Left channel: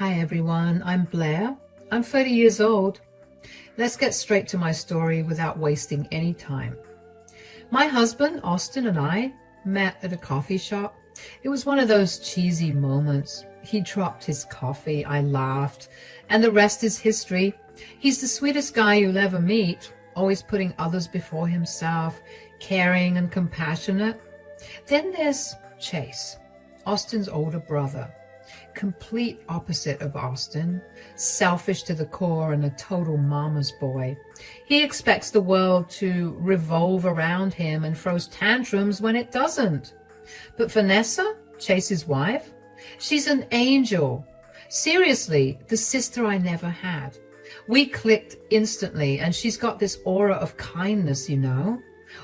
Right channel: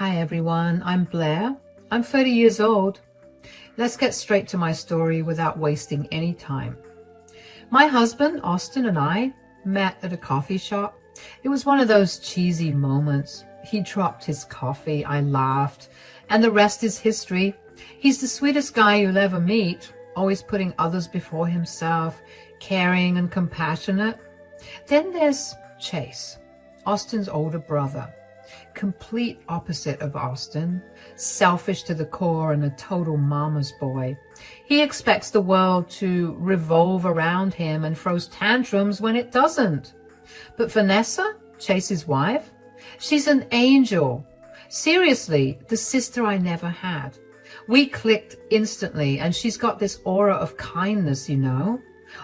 Hi everyone, I'm Blair. I'm 30 years old. Let's get straight to my story without wasting any time. My husband, Austin, and I met at a coffee shop. It was one of those cheesy moments. He dropped his coffee, I laughed, and the rest is history. He's the sweetest guy you'll ever meet, always putting others before himself, caring and compassionate. Then there's Chase, Austin's older brother. Complete opposite of Austin, selfish to the core and a total mama's boy. He expects the world to revolve around him and throws tantrums when it doesn't. But Vanessa, Chase's wife, she's an angel. Seriously, the sister I never had. We clicked instantly, and she's got this aura of kindness, you know.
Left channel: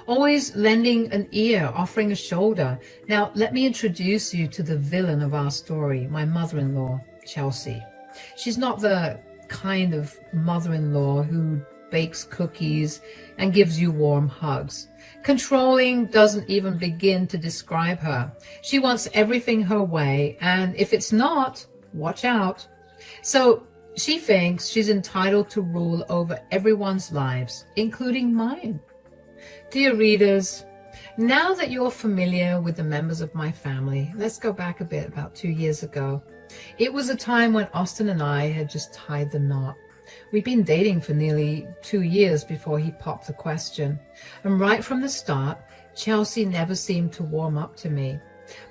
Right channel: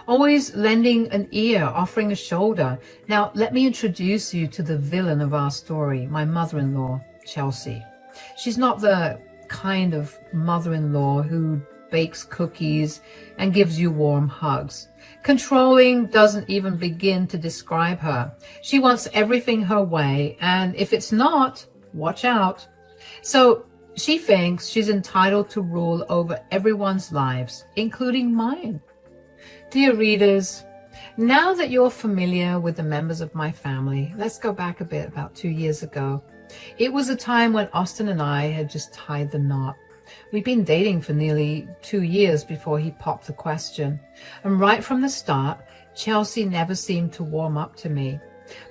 Always lending an ear, offering a shoulder. Now, let me introduce you to the villain of our story, my mother-in-law, Chelsea. She's not the kind of mother-in-law who bakes cookies and gives you warm hugs. Controlling doesn't even begin to describe her. She wants everything her way, and if it's not, watch out. So she thinks she's entitled to rule over everyone's lives, including mine. Dear readers, now that you're familiar with the members of my family, let's go back a bit, about 2 years ago. It was a time when Austin and I had just tied the knot. We'd been dating for nearly 2 years before he popped the question. And right from the start, Chelsea never seemed to warm up to me.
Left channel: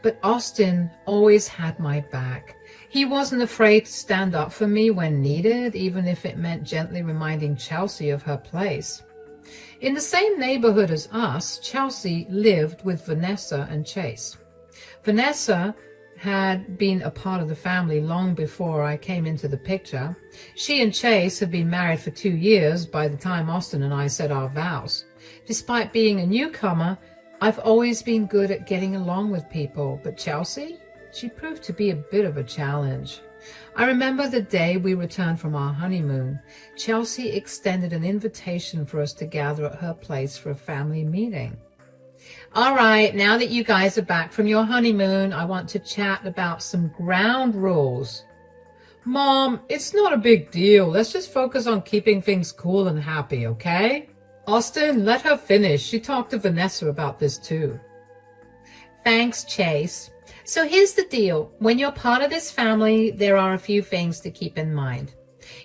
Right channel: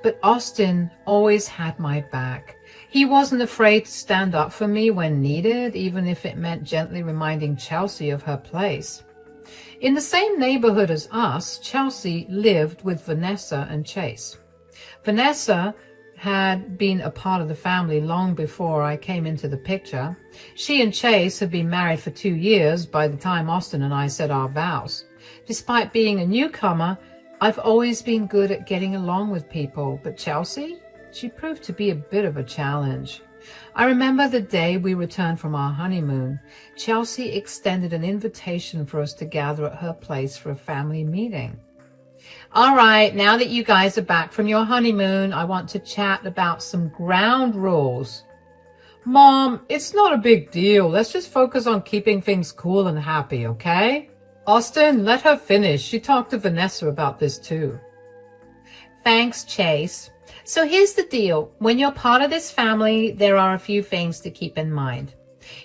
But Austin always had my back. He wasn't afraid to stand up for me when needed, even if it meant gently reminding Chelsea of her place. In the same neighborhood as us, Chelsea lived with Vanessa and Chase. Vanessa had been a part of the family long before I came into the picture. She and Chase had been married for 2 years by the time Austin and I said our vows. Despite being a newcomer, I've always been good at getting along with people, but Chelsea, she proved to be a bit of a challenge. I remember the day we returned from our honeymoon. Chelsea extended an invitation for us to gather at her place for a family meeting. All right, now that you guys are back from your honeymoon, I want to chat about some ground rules. Mom, it's not a big deal. Let's just focus on keeping things cool and happy, okay? Austin, let her finish. She talked to Vanessa about this too. Thanks, Chase. So here's the deal. When you're part of this family, there are a few things to keep in mind.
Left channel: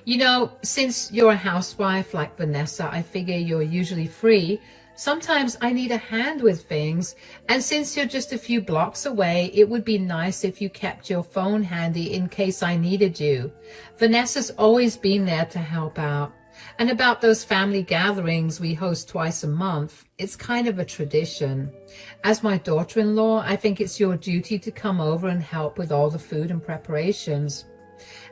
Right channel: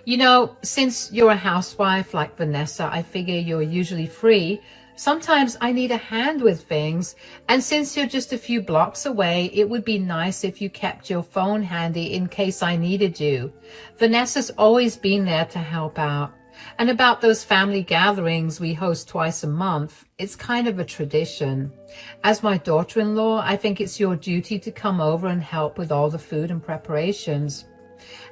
You know, since you're a housewife like Vanessa, I figure you're usually free. Sometimes I need a hand with things. And since you're just a few blocks away, it would be nice if you kept your phone handy in case I needed you. Vanessa's always been there to help out. And about those family gatherings we host twice a month, it's kind of a tradition. As my daughter-in-law, I think it's your duty to come over and help with all the food and preparations.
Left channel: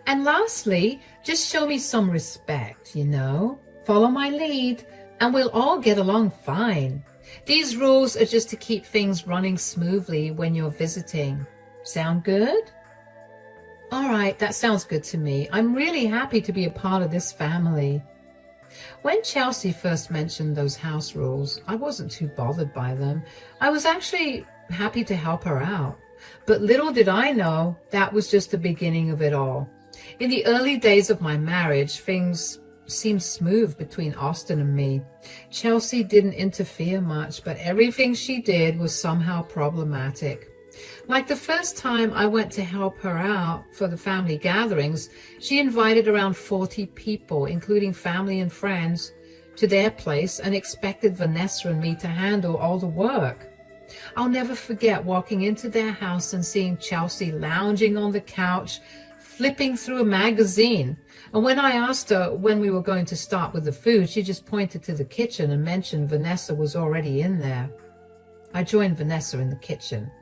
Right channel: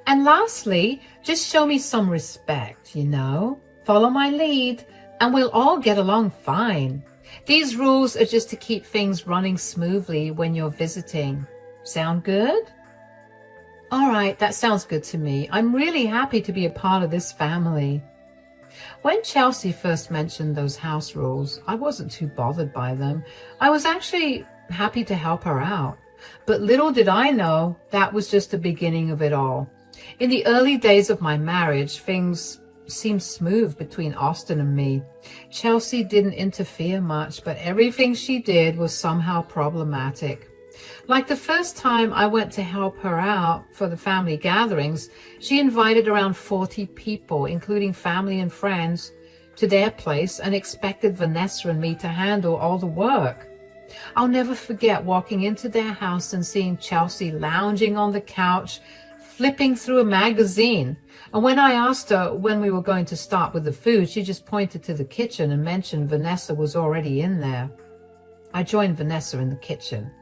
And lastly, just show me some respect, you know? Follow my lead, and we'll all get along fine. These rules are just to keep things running smoothly when you're visiting. Sound good? All right, that sounds good to me. I'm really happy to be a part of this family. When Chelsea first mentioned those house rules, I wasn't too bothered by them. I was actually happy to help her out. But little did I know that was just the beginning of it all. In the early days of my marriage, things seemed smooth between Austin and me. Chelsea didn't interfere much, but everything she did was somehow problematic. Like the first time I went to help her out for the family gatherings, she invited around 40 people, including family and friends, to their place and expected Vanessa and me to handle all the work. I'll never forget walking into their house and seeing Chelsea lounging on the couch, flipping through a magazine. And when I asked her when we were going to start with the food, she just pointed to the kitchen and mentioned Vanessa was already in there. I joined Vanessa in the kitchen.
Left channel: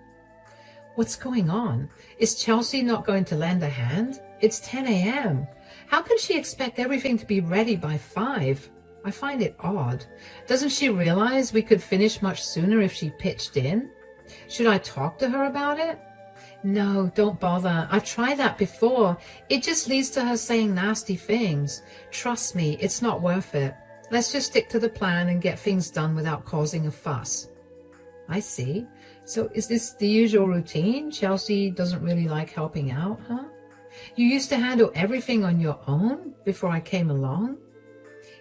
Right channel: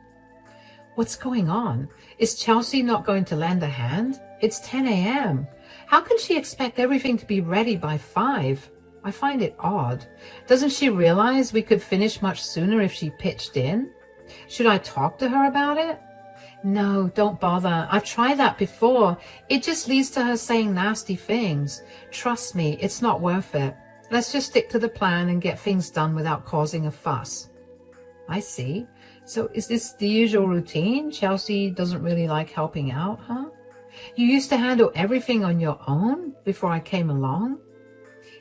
What's going on? Is Chelsea not going to lend a hand? It's 10 a.m. How can she expect everything to be ready by 5? I find it odd. Doesn't she realize we could finish much sooner if she pitched in? Should I talk to her about it? No, don't bother. I've tried that before. It just leads to her saying nasty things. Trust me, it's not worth it. Let's just stick to the plan and get things done without causing a fuss. I see. So is this the usual routine? Chelsea doesn't really like helping out, huh? You used to handle everything on your own before I came along?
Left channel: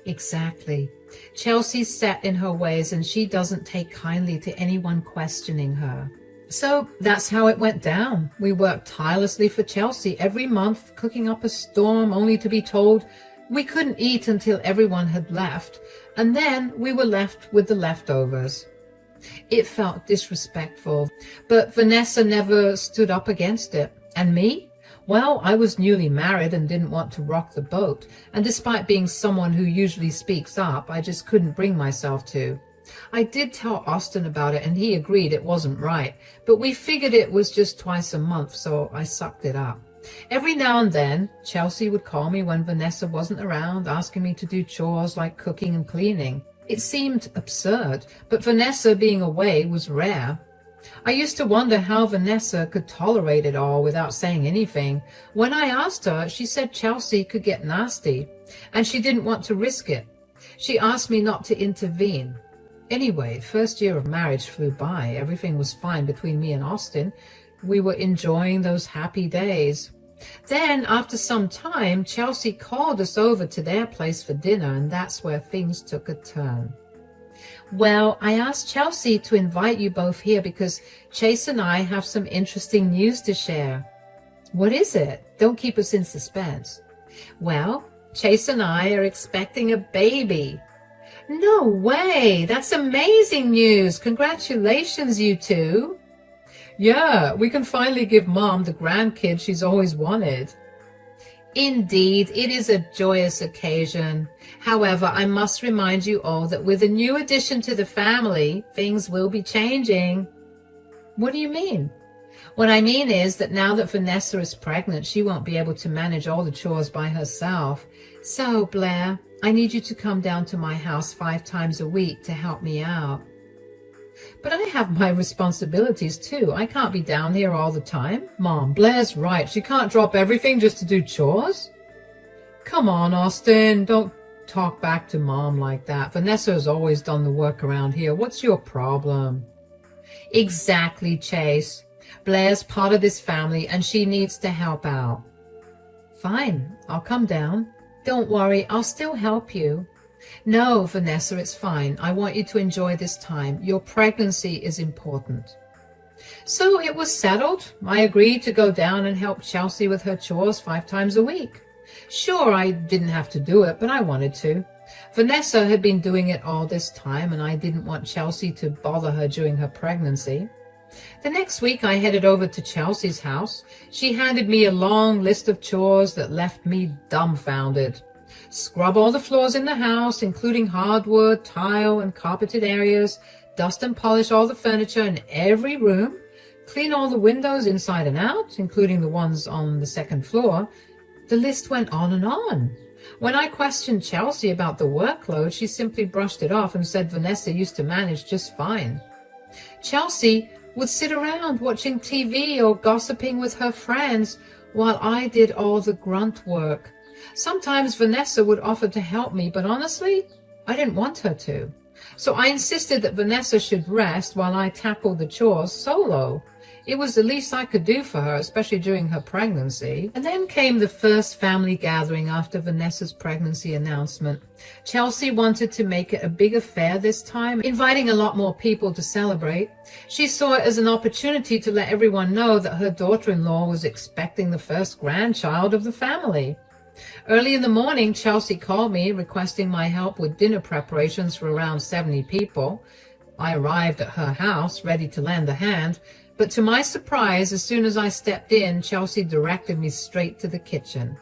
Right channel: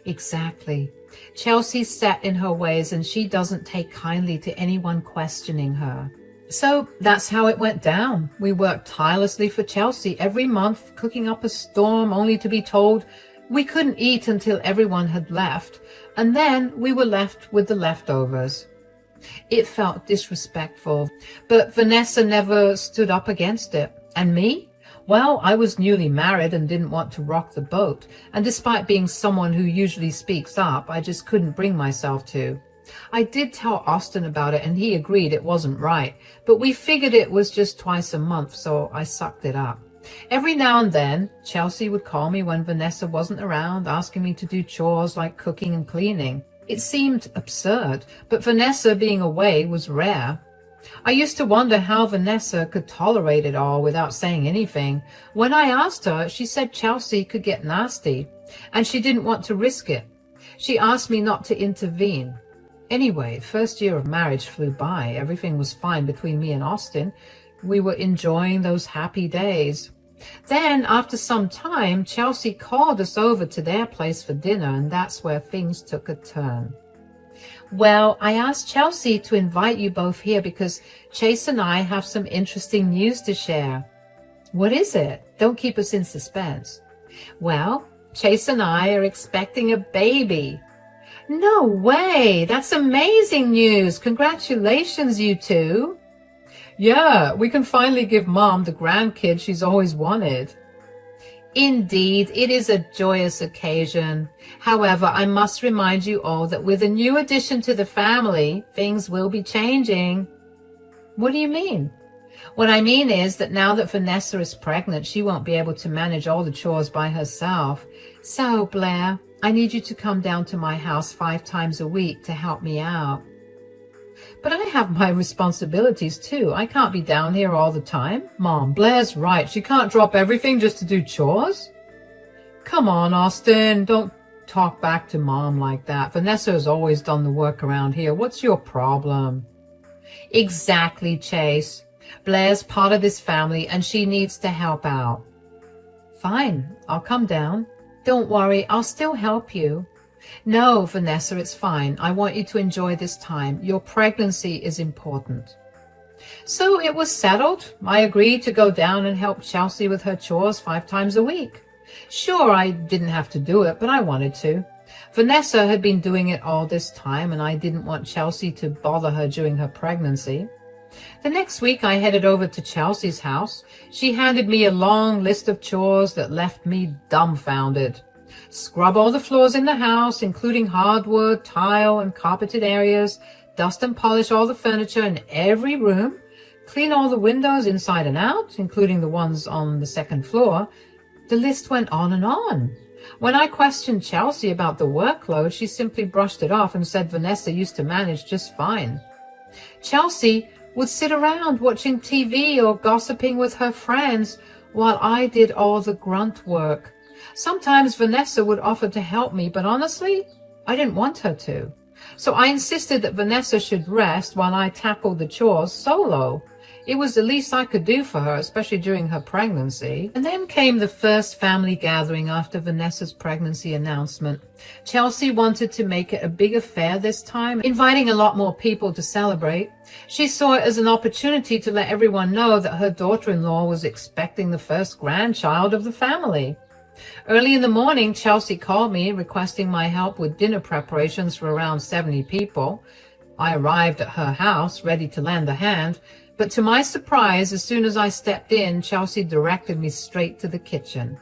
Exactly. Chelsea's set in her ways and she doesn't take kindly to anyone questioning her. So that's how it went down. We worked tirelessly for Chelsea every month, cooking up a storm only to be told we couldn't eat until everyone had left, and then we were left with the leftovers. It felt disrespectful, but Vanessa never stood up against it. And me? Well, I was newly married and didn't want to rock the boat, and despite being someone who usually speaks up, I just couldn't bring myself to. I did tell Austin about it and he agreed it wasn't right, but we figured it was just twice a month, so I sucked it up. Every now and then, Chelsea would call me when Vanessa wasn't around, asking me to do chores like cooking and cleaning. It seemed absurd, but Vanessa being away was rare. I used to wonder how Vanessa could tolerate it all without saying anything. When I asked her, she said Chelsea could get nasty, and she didn't want to risk it. She asked me not to intervene. Anyway, first year of marriage flew by. Everything was fine between me and Austin. We were enjoying those happy days. Then, after some time, Chelsea called us over to their place for dinner, and that's where things took a turn. Well, I asked Chelsea to invite you both here because Chase and I have some interesting news to share. What is it? Don't keep us in suspense. Well, Chase and I are expecting a baby. No way! That's amazing news! Congratulations, you two! Yeah, we can finally give Mom the grandkid she's always wanted. Indeed, it is a joyous occasion. However, I must remind you all that with a new addition to the family, things will be changing. What do you mean? What I mean is that now that Vanessa is pregnant, she won't be able to manage all the chores by herself. So, Blair, I need you to come down to my house 5 times a week to help me out. But I have my responsibilities too. I can't be down here all the time. Mom, Blair's right. She can't drop everything just to do chores. Come on, Austin. Don't talk back to Mom like that. Vanessa has always done the work around here. What's your problem? Exactly, Chase. Blair's part of this family and she needs to help out. Fine, I'll come down. Don't worry, I'll still help you. No, Vanessa, it's fine. I want you to enjoy this time. Your pregnancy is important. So it was settled. I agreed to go down and help Chelsea with her chores 5 times a week. Sure, I didn't have to do it, but I wanted to. Vanessa had been doing it all this time, and I didn't want Chelsea to bother her during her pregnancy. The next week, I headed over to Chelsea's house. She handed me a long list of chores that left me dumbfounded. Scrub all the floors in the house, including hardwood, tile, and carpeted areas. Dust and polish all the furniture in every room. Clean all the windows inside and out, including the ones on the second floor. The list went on and on. When I questioned Chelsea about the workload, she simply brushed it off and said Vanessa used to manage just fine. Chelsea would sit around watching TV or gossiping with her friends while I did all the grunt work. Sometimes Vanessa would offer to help me, but honestly, I didn't want her to. So I insisted that Vanessa should rest while I tackled the chores solo. It was the least I could do for her, especially during her pregnancy. And then came the first family gathering after Vanessa's pregnancy announcement. Chelsea wanted to make it a big affair this time, inviting a lot more people to celebrate. She saw it as an opportunity to let everyone know that her daughter-in-law was expecting the first grandchild of the family. Early in the morning, Chelsea called me requesting my help with dinner preparations for around 70 people. I arrived at her house, ready to lend a hand, but to my surprise, as soon as I stepped in, Chelsea directed me straight to the kitchen.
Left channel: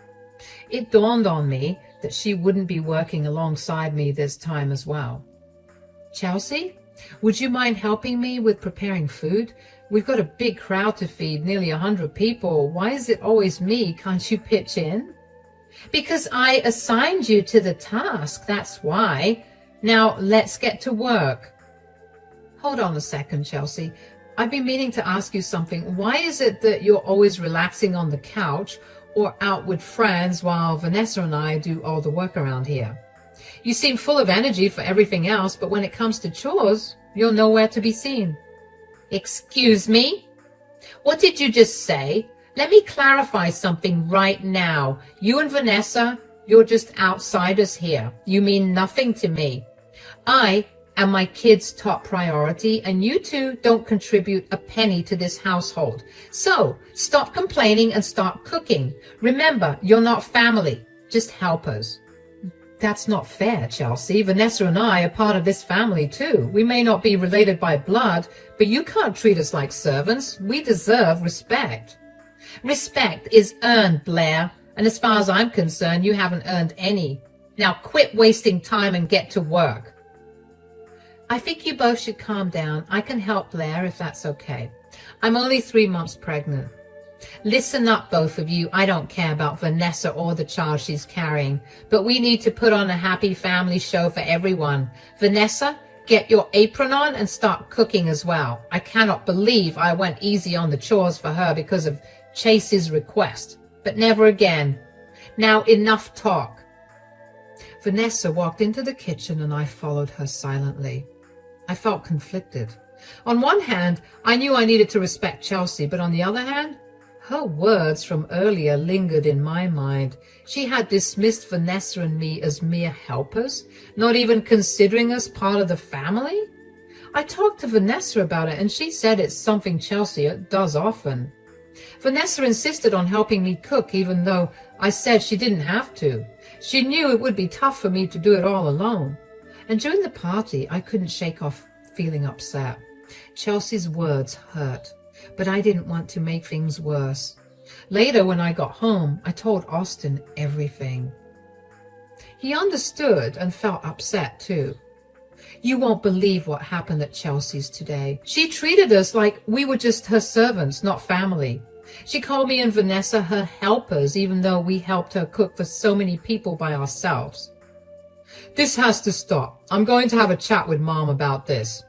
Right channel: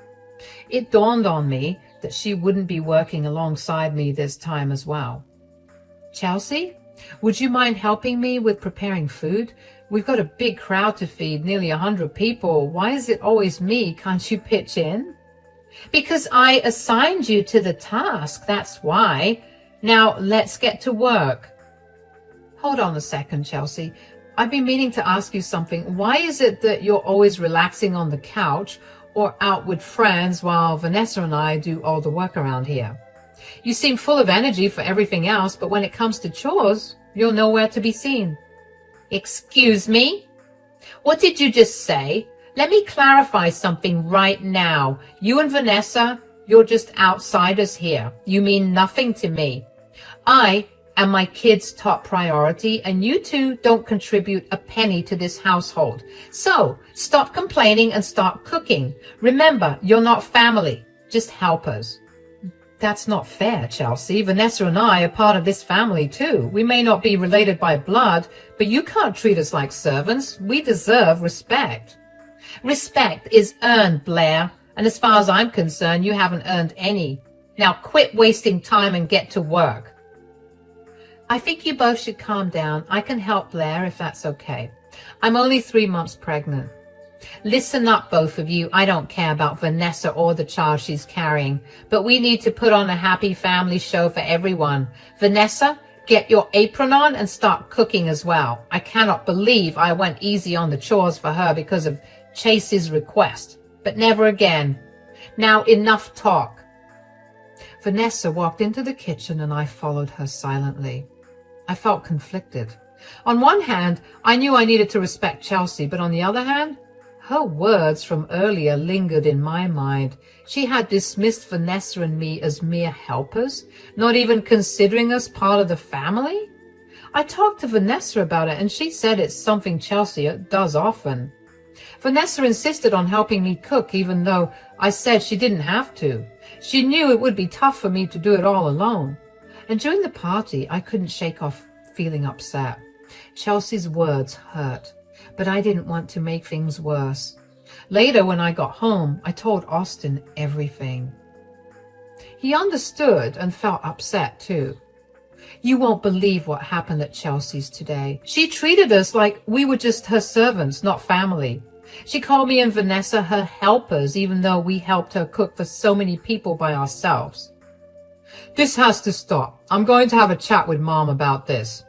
It dawned on me that she wouldn't be working alongside me this time as well. Chelsea, would you mind helping me with preparing food? We've got a big crowd to feed, nearly 100 people. Why is it always me? Can't you pitch in? Because I assigned you to the task, that's why. Now, let's get to work. Hold on a second, Chelsea. I've been meaning to ask you something. Why is it that you're always relaxing on the couch or out with friends while Vanessa and I do all the work around here? You seem full of energy for everything else, but when it comes to chores, you're nowhere to be seen. Excuse me? What did you just say? Let me clarify something right now. You and Vanessa, you're just outsiders here. You mean nothing to me. I am my kids' top priority, and you two don't contribute a penny to this household. So stop complaining and start cooking. Remember, you're not family, just helpers. That's not fair, Chelsea. Vanessa and I are part of this family too. We may not be related by blood, but you can't treat us like servants. We deserve respect. Respect is earned, Blair, and as far as I'm concerned, you haven't earned any. Now quit wasting time and get to work. I think you both should calm down. I can help Blair if that's okay. I'm only 3 months pregnant. Listen up, both of you. I don't care about Vanessa or the child she's carrying, but we need to put on a happy family show for everyone. Vanessa, get your apron on and start cooking as well. I cannot believe I went easy on the chores for her because of Chase's request, but never again. Now enough talk. Vanessa walked into the kitchen and I followed her silently. I felt conflicted. On one hand, I knew I needed to respect Chelsea, but on the other hand, her words from earlier lingered in my mind. She had dismissed Vanessa and me as mere helpers, not even considering us part of the family. I talked to Vanessa about it, and she said it's something Chelsea does often. Vanessa insisted on helping me cook, even though I said she didn't have to. She knew it would be tough for me to do it all alone. And during the party, I couldn't shake off feeling upset. Chelsea's words hurt, but I didn't want to make things worse. Later, when I got home, I told Austin everything. He understood and felt upset too. You won't believe what happened at Chelsea's today. She treated us like we were just her servants, not family. She called me and Vanessa her helpers, even though we helped her cook for so many people by ourselves. This has to stop. I'm going to have a chat with Mom about this.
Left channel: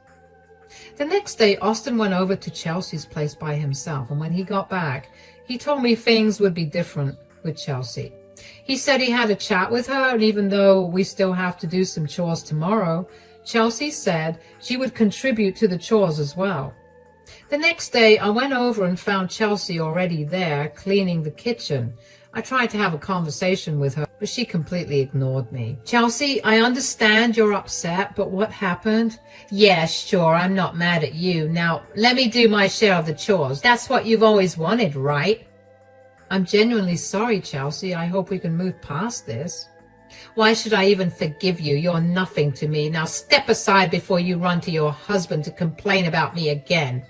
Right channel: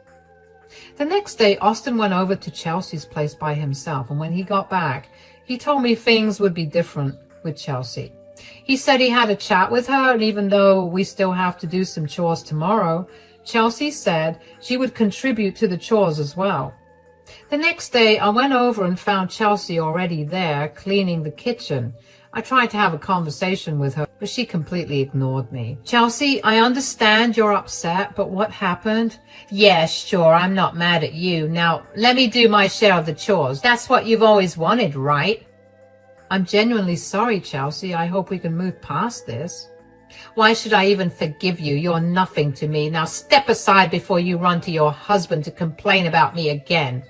The next day, Austin went over to Chelsea's place by himself, and when he got back, he told me things would be different with Chelsea. He said he had a chat with her, and even though we still have to do some chores tomorrow, Chelsea said she would contribute to the chores as well. The next day, I went over and found Chelsea already there, cleaning the kitchen. I tried to have a conversation with her, but she completely ignored me. Chelsea, I understand you're upset, but what happened? Yeah, sure, I'm not mad at you. Now, let me do my share of the chores. That's what you've always wanted, right? I'm genuinely sorry, Chelsea. I hope we can move past this. Why should I even forgive you? You're nothing to me. Now step aside before you run to your husband to complain about me again.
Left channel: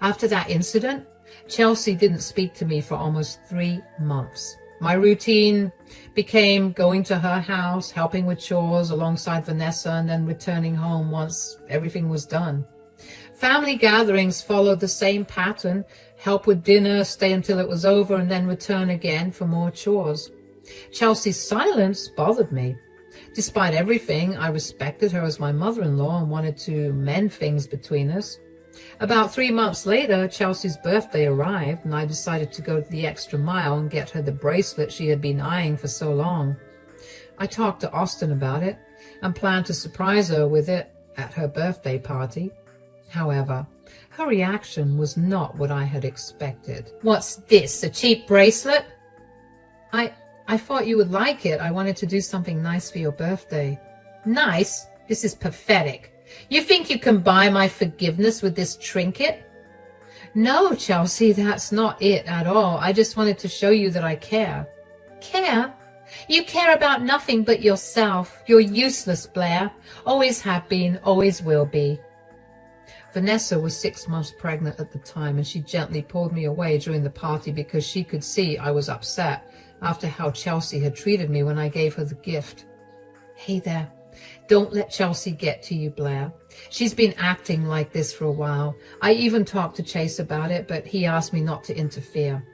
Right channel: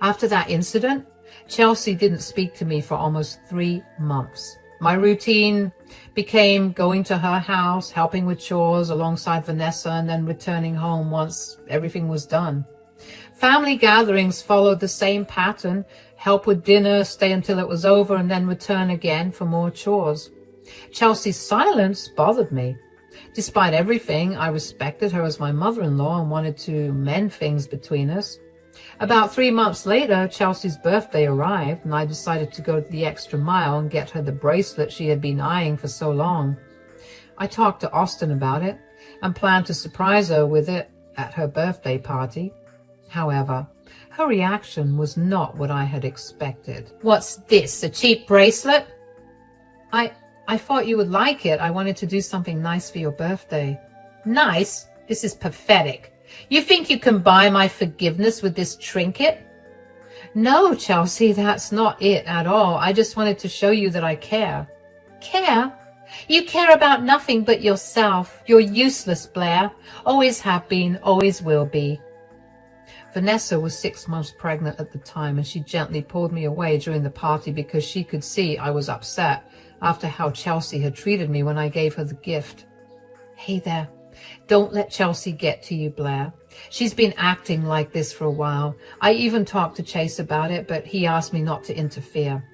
After that incident, Chelsea didn't speak to me for almost 3 months. My routine became going to her house, helping with chores alongside Vanessa, and then returning home once everything was done. Family gatherings followed the same pattern: help with dinner, stay until it was over, and then return again for more chores. Chelsea's silence bothered me. Despite everything, I respected her as my mother-in-law and wanted to mend things between us. About 3 months later, Chelsea's birthday arrived, and I decided to go the extra mile and get her the bracelet she had been eyeing for so long. I talked to Austin about it and planned to surprise her with it at her birthday party. However, her reaction was not what I had expected. What's this, a cheap bracelet? I thought you would like it. I wanted to do something nice for your birthday. Nice? This is pathetic. You think you can buy my forgiveness with this trinket? No, Chelsea, that's not it at all. I just wanted to show you that I care. Care? You care about nothing but yourself. You're useless, Blair. Always have been, always will be. Vanessa was 6 months pregnant at the time, and she gently pulled me away during the party because she could see I was upset after how Chelsea had treated me when I gave her the gift. Hey there. Don't let Chelsea get to you, Blair. She's been acting like this for a while. I even talked to Chase about it, but he asked me not to interfere.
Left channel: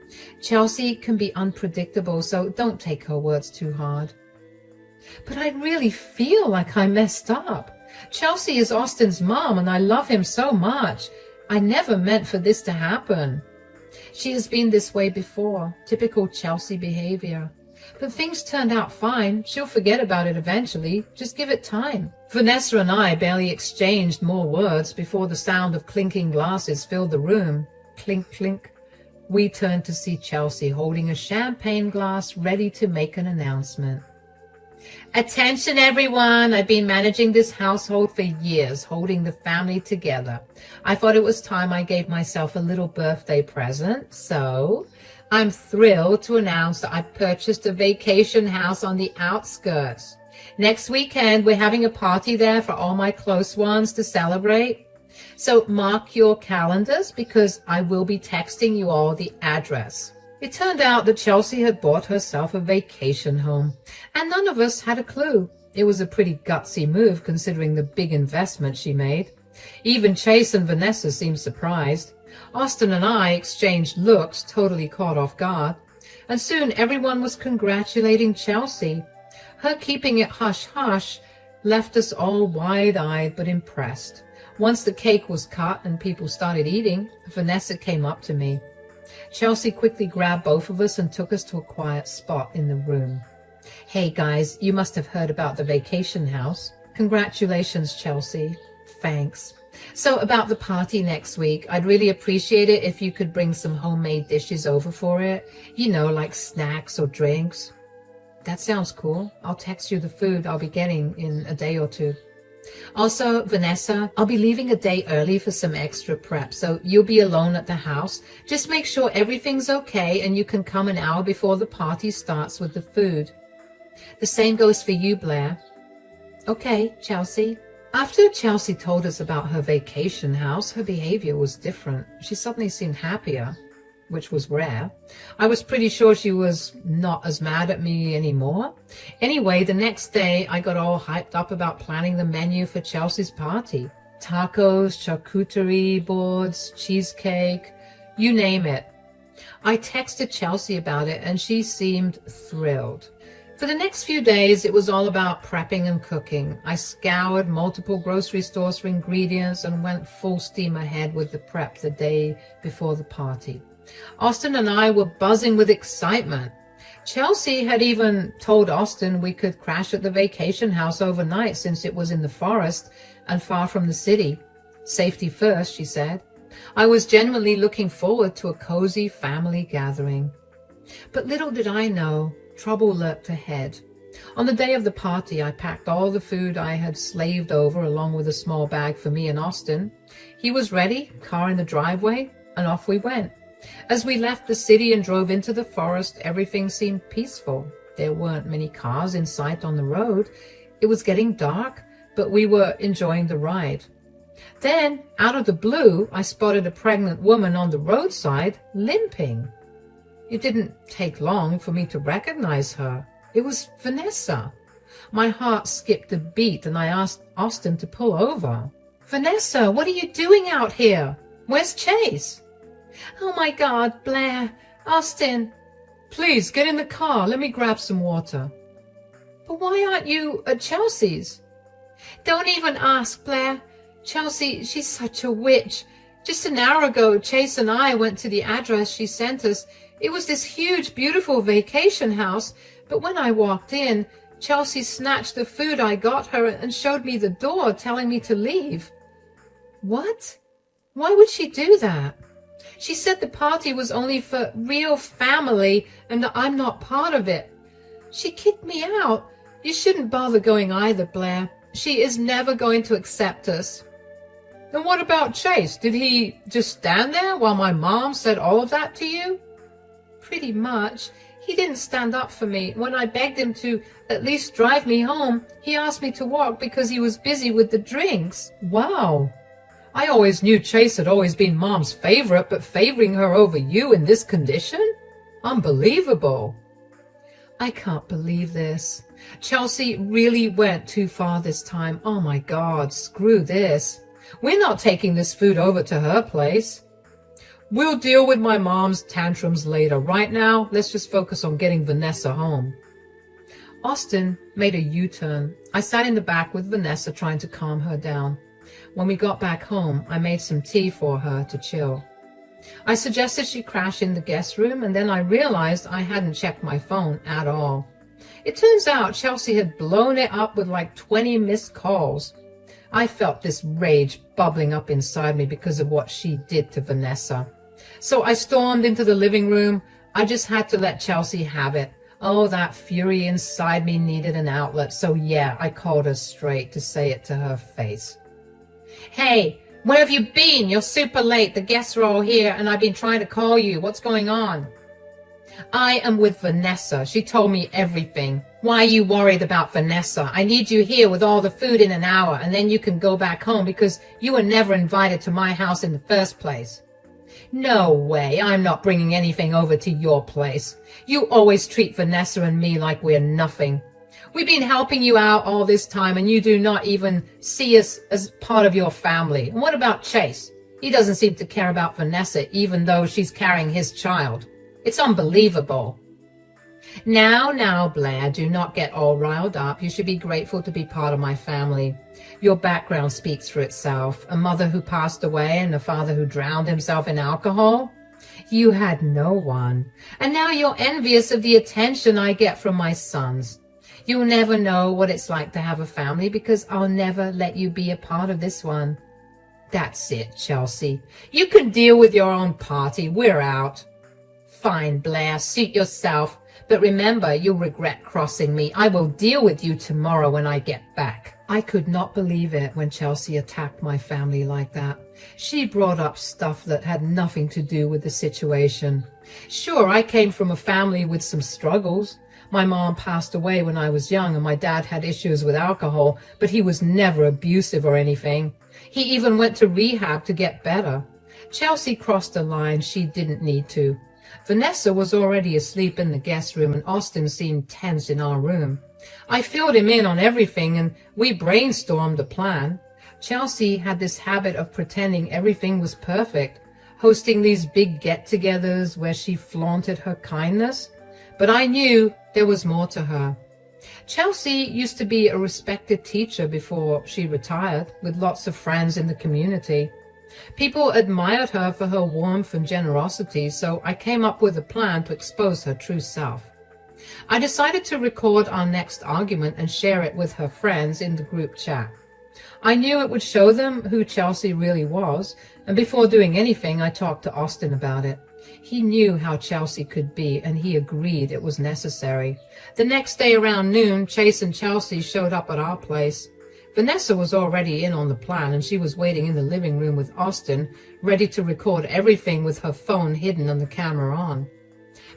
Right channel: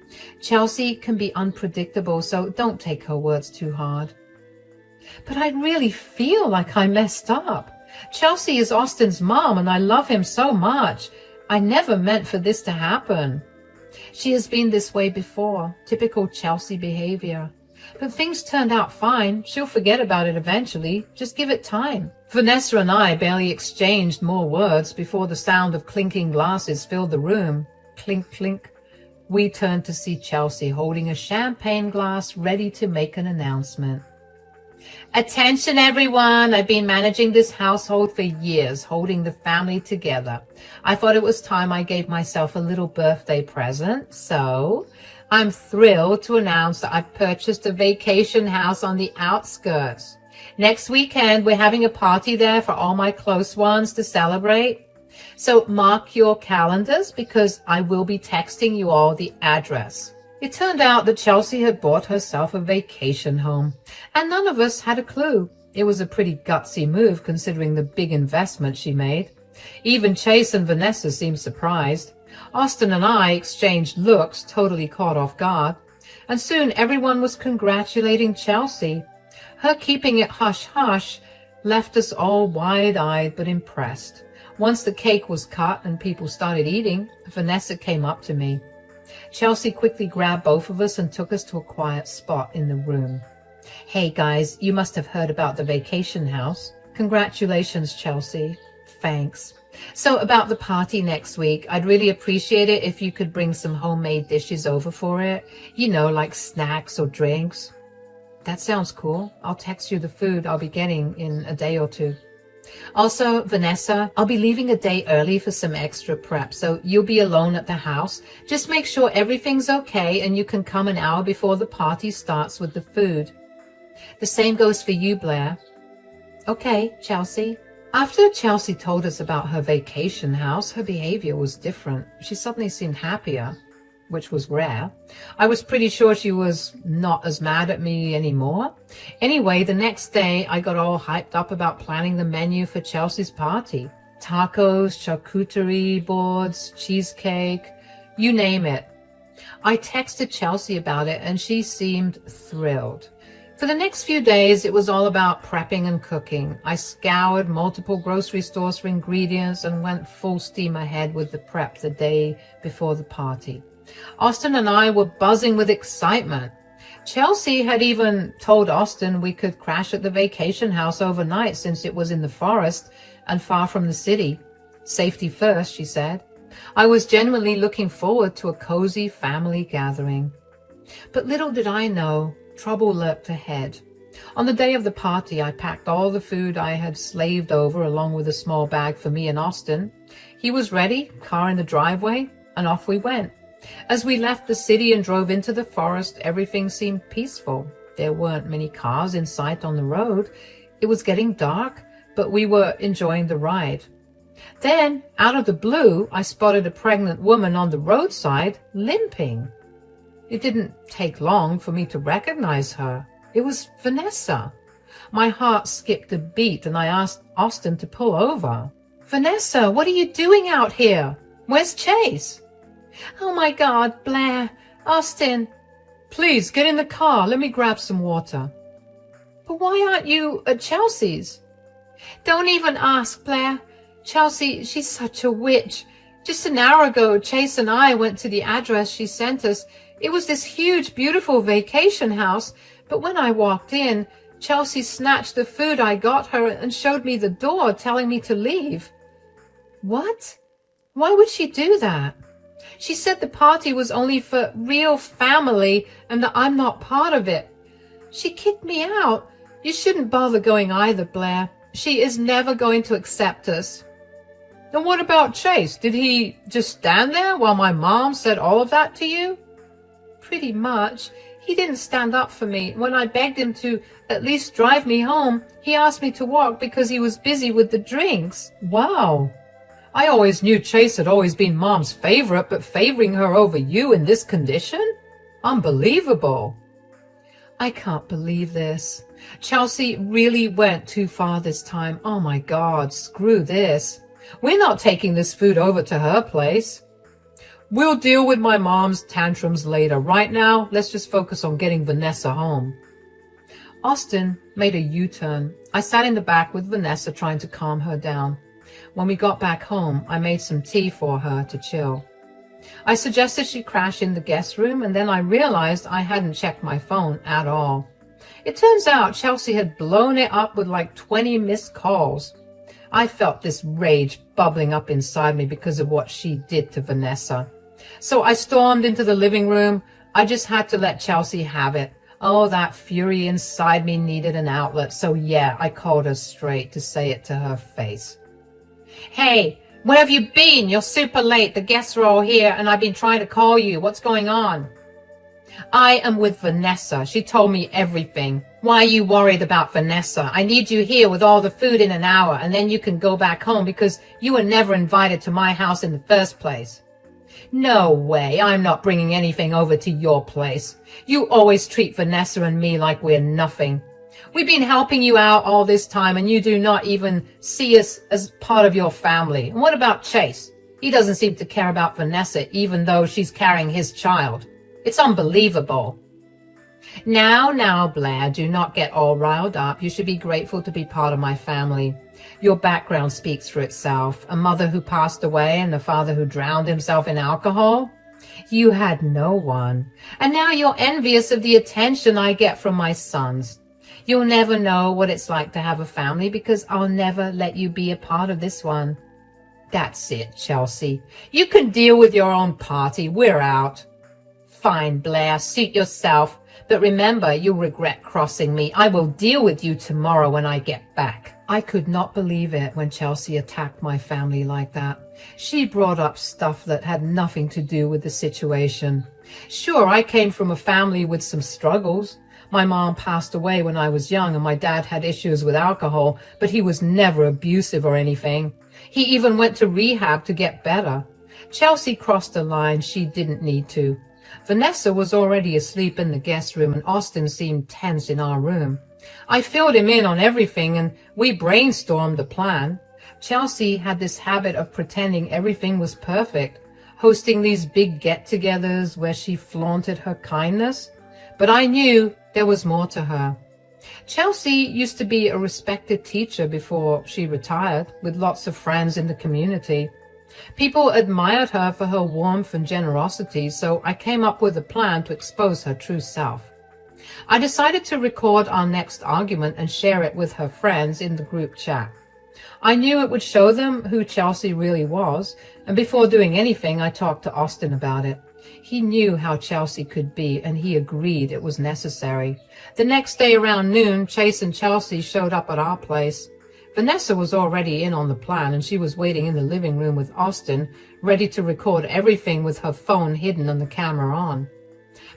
Chelsea can be unpredictable, so don't take her words too hard. But I really feel like I messed up. Chelsea is Austin's mom, and I love him so much. I never meant for this to happen. She has been this way before, typical Chelsea behavior. But things turned out fine. She'll forget about it eventually. Just give it time. Vanessa and I barely exchanged more words before the sound of clinking glasses filled the room. Clink, clink. we turned to see Chelsea holding a champagne glass ready to make an announcement. Attention everyone, I've been managing this household for years, holding the family together. I thought it was time I gave myself a little birthday present, so I'm thrilled to announce that I've purchased a vacation house on the outskirts. Next weekend, we're having a party there for all my close ones to celebrate. So mark your calendars because I will be texting you all the address. It turned out that Chelsea had bought herself a vacation home, and none of us had a clue. It was a pretty gutsy move considering the big investment she made. Even Chase and Vanessa seemed surprised. Austin and I exchanged looks, totally caught off guard, and soon everyone was congratulating Chelsea. Her keeping it hush-hush left us all wide-eyed but impressed. Once the cake was cut and people started eating, Vanessa came up to me. Chelsea quickly grabbed both of us and took us to a quiet spot in the room. Hey guys, you must have heard about the vacation house. Congratulations, Chelsea. Thanks. So about the party next week, I'd really appreciate it if you could bring some homemade dishes over for it. You know, like snacks or drinks. That sounds cool. I'll text you the food I'll be getting in a day or two. Also, Vanessa, I'll be leaving a day early for some extra prep, so you'll be alone at the house. Just make sure everything's okay and you can come an hour before the party starts with the food. The same goes for you, Blair. Okay, Chelsea. After Chelsea told us about her vacation house, her behavior was different. She suddenly seemed happier, which was rare. I was pretty sure she was not as mad at me anymore. Anyway, the next day, I got all hyped up about planning the menu for Chelsea's party. Tacos, charcuterie boards, cheesecake, you name it. I texted Chelsea about it and she seemed thrilled. For the next few days, it was all about prepping and cooking. I scoured multiple grocery stores for ingredients and went full steam ahead with the prep the day before the party. Austin and I were buzzing with excitement. Chelsea had even told Austin we could crash at the vacation house overnight since it was in the forest and far from the city. Safety first, she said. I was genuinely looking forward to a cozy family gathering. But little did I know, trouble lurked ahead. On the day of the party, I packed all the food I had slaved over along with a small bag for me and Austin. He was ready, car in the driveway, and off we went. As we left the city and drove into the forest, everything seemed peaceful. There weren't many cars in sight on the road. It was getting dark, but we were enjoying the ride. Then, out of the blue, I spotted a pregnant woman on the roadside, limping. It didn't take long for me to recognize her. It was Vanessa. My heart skipped a beat and I asked Austin to pull over. Vanessa, what are you doing out here? Where's Chase? Oh my God, Blair, Austin. Please, get in the car. Let me grab some water. But why aren't you at Chelsea's? Don't even ask, Blair. Chelsea, she's such a witch. Just an hour ago, Chase and I went to the address she sent us. It was this huge, beautiful vacation house. But when I walked in, Chelsea snatched the food I got her and showed me the door, telling me to leave. What? Why would she do that? She said the party was only for real family and that I'm not part of it. She kicked me out. You shouldn't bother going either, Blair. She is never going to accept us. And what about Chase? Did he just stand there while my mom said all of that to you? Pretty much. He didn't stand up for me. When I begged him to at least drive me home, he asked me to walk because he was busy with the drinks. Wow. I always knew Chase had always been Mom's favorite, but favoring her over you in this condition? Unbelievable. I can't believe this. Chelsea really went too far this time. Oh my God, screw this. We're not taking this food over to her place. We'll deal with my mom's tantrums later. Right now, let's just focus on getting Vanessa home. Austin made a U-turn. I sat in the back with Vanessa trying to calm her down. When we got back home, I made some tea for her to chill. I suggested she crash in the guest room, and then I realized I hadn't checked my phone at all. It turns out Chelsea had blown it up with like 20 missed calls. I felt this rage bubbling up inside me because of what she did to Vanessa. So I stormed into the living room. I just had to let Chelsea have it. Oh, that fury inside me needed an outlet. So yeah, I called her straight to say it to her face. Hey, where have you been? You're super late. The guests are all here and I've been trying to call you. What's going on? I am with Vanessa. She told me everything. Why are you worried about Vanessa? I need you here with all the food in an hour and then you can go back home because you were never invited to my house in the first place. No way. I'm not bringing anything over to your place. You always treat Vanessa and me like we're nothing. We've been helping you out all this time and you do not even see us as part of your family. And what about Chase? He doesn't seem to care about Vanessa even though she's carrying his child. It's unbelievable. Now, Blair, do not get all riled up. You should be grateful to be part of my family. Your background speaks for itself. A mother who passed away and a father who drowned himself in alcohol. You had no one. And now you're envious of the attention I get from my sons. You'll never know what it's like to have a family because I'll never let you be a part of this one. That's it, Chelsea. You can deal with your own party. We're out. Fine, Blair, suit yourself. But remember, you'll regret crossing me. I will deal with you tomorrow when I get back. I could not believe it when Chelsea attacked my family like that. She brought up stuff that had nothing to do with the situation. Sure, I came from a family with some struggles. My mom passed away when I was young and my dad had issues with alcohol, but he was never abusive or anything. He even went to rehab to get better. Chelsea crossed a line she didn't need to. Vanessa was already asleep in the guest room and Austin seemed tense in our room. I filled him in on everything and we brainstormed a plan. Chelsea had this habit of pretending everything was perfect, hosting these big get-togethers where she flaunted her kindness. But I knew there was more to her. Chelsea used to be a respected teacher before she retired, with lots of friends in the community. People admired her for her warmth and generosity, so I came up with a plan to expose her true self. I decided to record our next argument and share it with her friends in the group chat. I knew it would show them who Chelsea really was, and before doing anything, I talked to Austin about it. He knew how Chelsea could be, and he agreed it was necessary. The next day around noon, Chase and Chelsea showed up at our place. Vanessa was already in on the plan, and she was waiting in the living room with Austin, ready to record everything with her phone hidden and the camera on.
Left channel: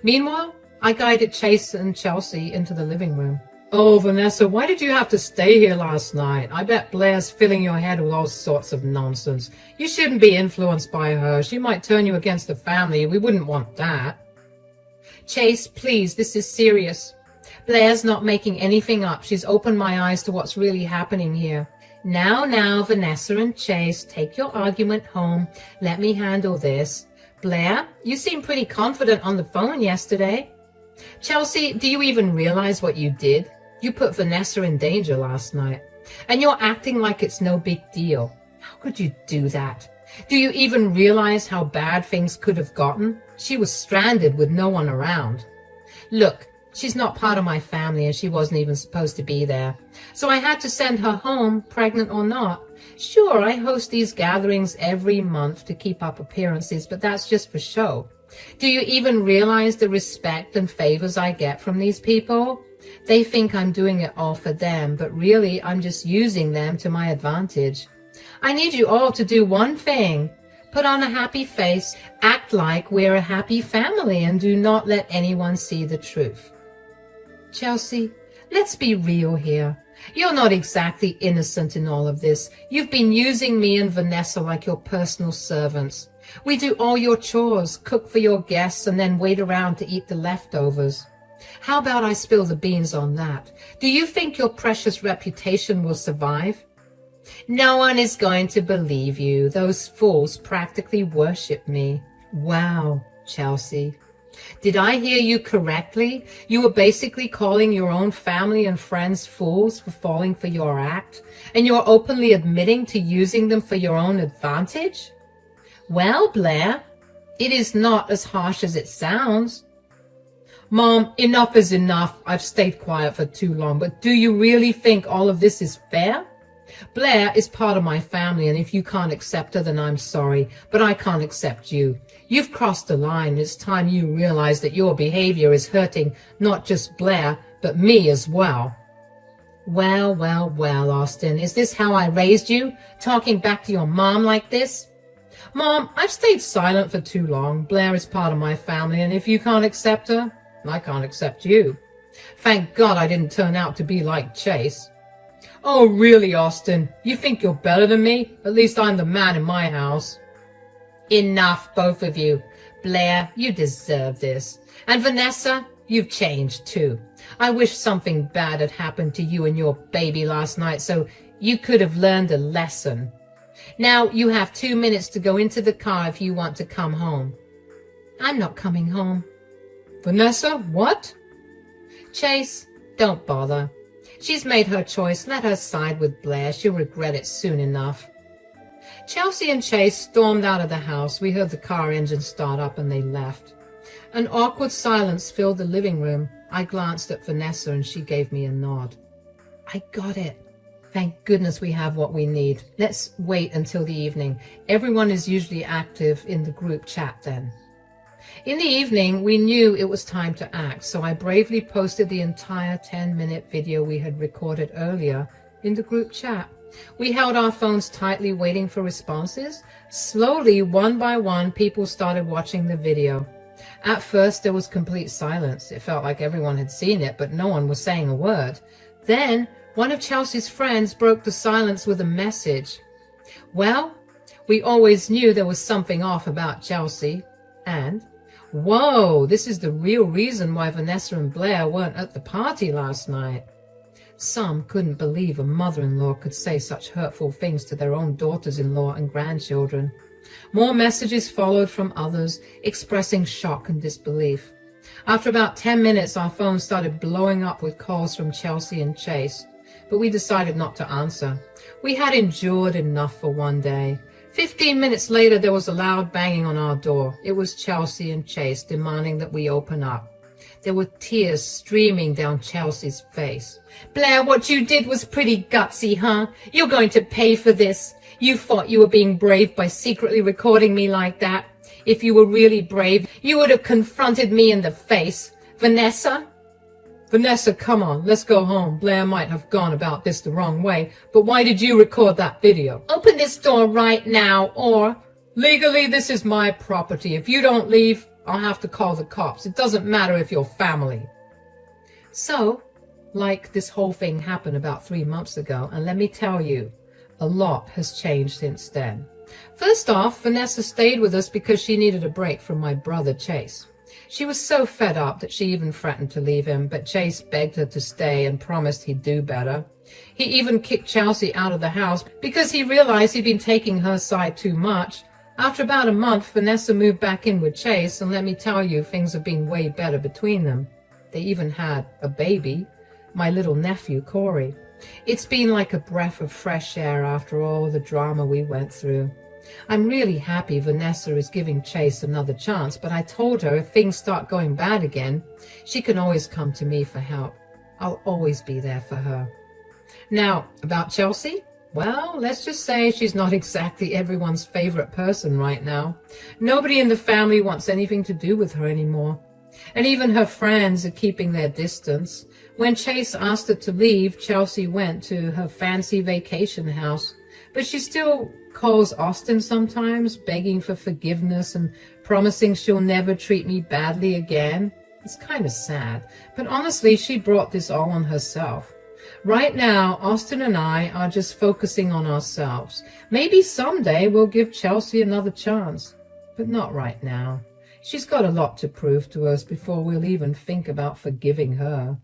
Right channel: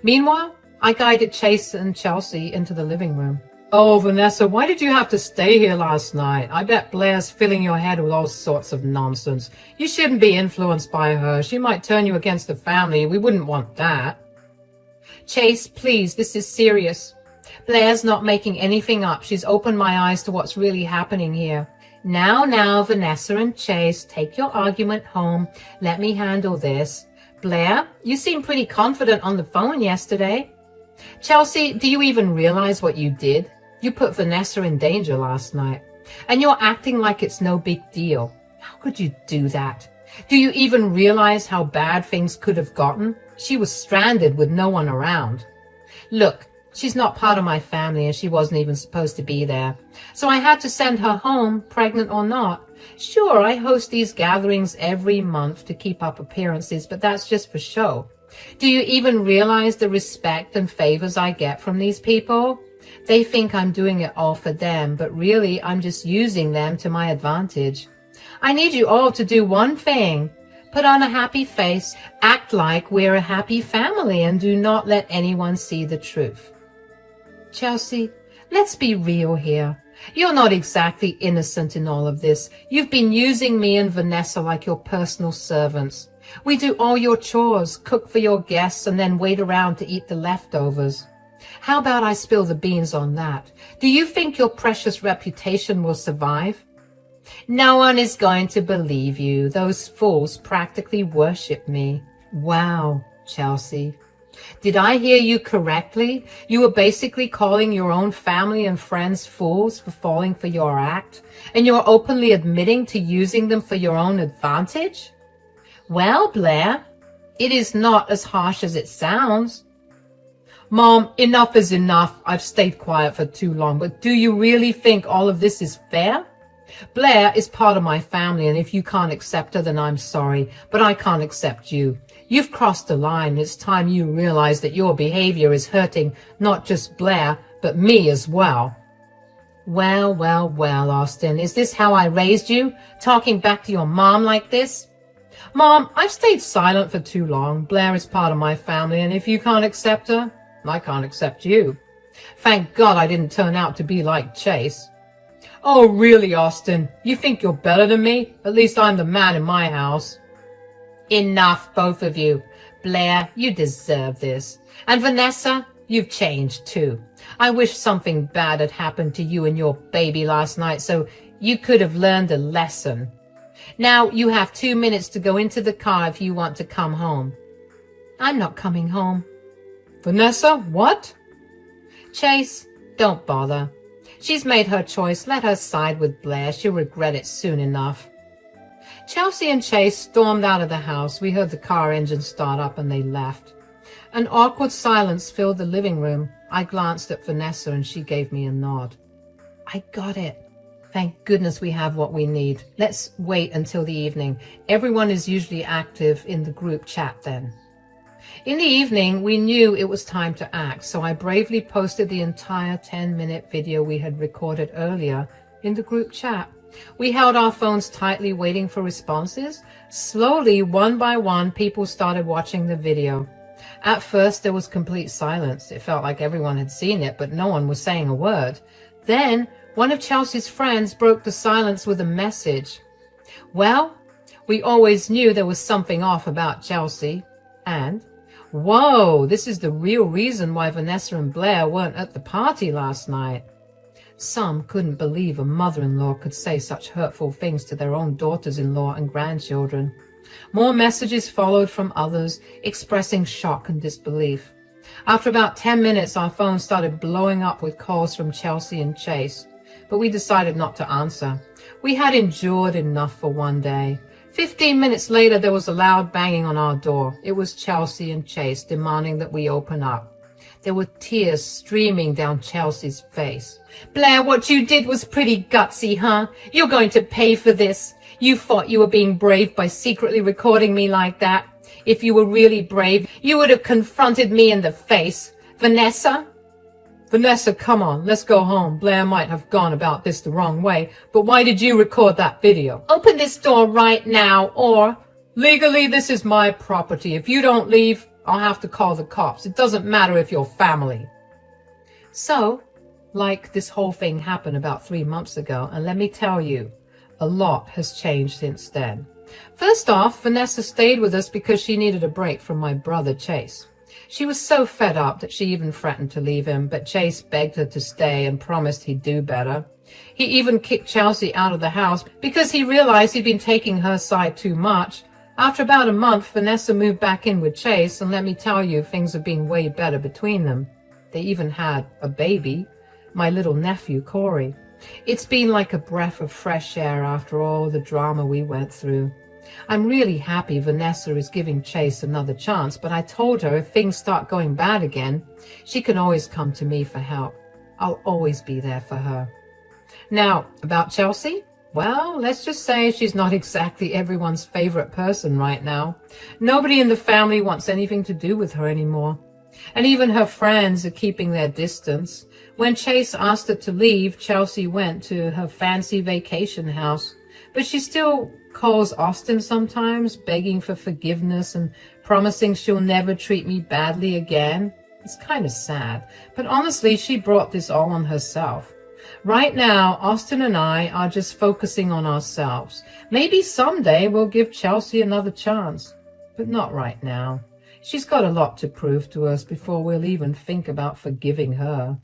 Meanwhile, I guided Chase and Chelsea into the living room. Oh, Vanessa, why did you have to stay here last night? I bet Blair's filling your head with all sorts of nonsense. You shouldn't be influenced by her. She might turn you against the family. We wouldn't want that. Chase, please, this is serious. Blair's not making anything up. She's opened my eyes to what's really happening here. Now, Vanessa and Chase, take your argument home. Let me handle this. Blair, you seemed pretty confident on the phone yesterday. Chelsea, do you even realize what you did? You put Vanessa in danger last night. And you're acting like it's no big deal. How could you do that? Do you even realize how bad things could have gotten? She was stranded with no one around. Look, she's not part of my family and she wasn't even supposed to be there. So I had to send her home, pregnant or not. Sure, I host these gatherings every month to keep up appearances, but that's just for show. Do you even realize the respect and favors I get from these people? They think I'm doing it all for them, but really I'm just using them to my advantage. I need you all to do one thing. Put on a happy face, act like we're a happy family, and do not let anyone see the truth. Chelsea, let's be real here. You're not exactly innocent in all of this. You've been using me and Vanessa like your personal servants. We do all your chores, cook for your guests, and then wait around to eat the leftovers. How about I spill the beans on that? Do you think your precious reputation will survive? No one is going to believe you. Those fools practically worship me. Wow, Chelsea. Did I hear you correctly? You were basically calling your own family and friends fools for falling for your act, and you're openly admitting to using them for your own advantage? Well, Blair, it is not as harsh as it sounds. Mom, enough is enough. I've stayed quiet for too long, but do you really think all of this is fair? Blair is part of my family, and if you can't accept her, then I'm sorry, but I can't accept you. You've crossed the line. It's time you realize that your behavior is hurting not just Blair, but me as well. Well, well, well, Austin, is this how I raised you? Talking back to your mom like this? Mom, I've stayed silent for too long. Blair is part of my family, and if you can't accept her, I can't accept you. Thank God I didn't turn out to be like Chase. Oh, really, Austin? You think you're better than me? At least I'm the man in my house. Enough, both of you. Blair, you deserve this. And Vanessa, you've changed too. I wish something bad had happened to you and your baby last night so you could have learned a lesson. Now you have 2 minutes to go into the car if you want to come home. I'm not coming home. Vanessa, what? Chase, don't bother. She's made her choice. Let her side with Blair. She'll regret it soon enough. Chelsea and Chase stormed out of the house. We heard the car engine start up and they left. An awkward silence filled the living room. I glanced at Vanessa and she gave me a nod. I got it. Thank goodness we have what we need. Let's wait until the evening. Everyone is usually active in the group chat then. In the evening, we knew it was time to act, so I bravely posted the entire 10-minute video we had recorded earlier in the group chat. We held our phones tightly, waiting for responses. Slowly, one by one, people started watching the video. At first, there was complete silence. It felt like everyone had seen it, but no one was saying a word. Then, one of Chelsea's friends broke the silence with a message. Well, we always knew there was something off about Chelsea. And, whoa, this is the real reason why Vanessa and Blair weren't at the party last night. Some couldn't believe a mother-in-law could say such hurtful things to their own daughters-in-law and grandchildren. More messages followed from others, expressing shock and disbelief. After about 10 minutes, our phones started blowing up with calls from Chelsea and Chase, but we decided not to answer. We had endured enough for one day. 15 minutes later, there was a loud banging on our door. It was Chelsea and Chase demanding that we open up. There were tears streaming down Chelsea's face. Blair, what you did was pretty gutsy, huh? You're going to pay for this. You thought you were being brave by secretly recording me like that. If you were really brave, you would have confronted me in the face. Vanessa? Vanessa, come on, let's go home. Blair might have gone about this the wrong way, but why did you record that video? Open this door right now, or... Legally, this is my property. If you don't leave, I'll have to call the cops. It doesn't matter if you're family. So, like this whole thing happened about 3 months ago, and let me tell you, a lot has changed since then. First off, Vanessa stayed with us because she needed a break from my brother Chase. She was so fed up that she even threatened to leave him, but Chase begged her to stay and promised he'd do better. He even kicked Chelsea out of the house because he realized he'd been taking her side too much. After about a month, Vanessa moved back in with Chase, and let me tell you, things have been way better between them. They even had a baby, my little nephew, Corey. It's been like a breath of fresh air after all the drama we went through. I'm really happy Vanessa is giving Chase another chance, but I told her if things start going bad again, she can always come to me for help. I'll always be there for her. Now, about Chelsea? Well, let's just say she's not exactly everyone's favorite person right now. Nobody in the family wants anything to do with her anymore. And even her friends are keeping their distance. When Chase asked her to leave, Chelsea went to her fancy vacation house. But she still calls Austin sometimes, begging for forgiveness and promising she'll never treat me badly again. It's kind of sad, but honestly, she brought this all on herself. Right now, Austin and I are just focusing on ourselves. Maybe someday we'll give Chelsea another chance, but not right now. She's got a lot to prove to us before we'll even think about forgiving her.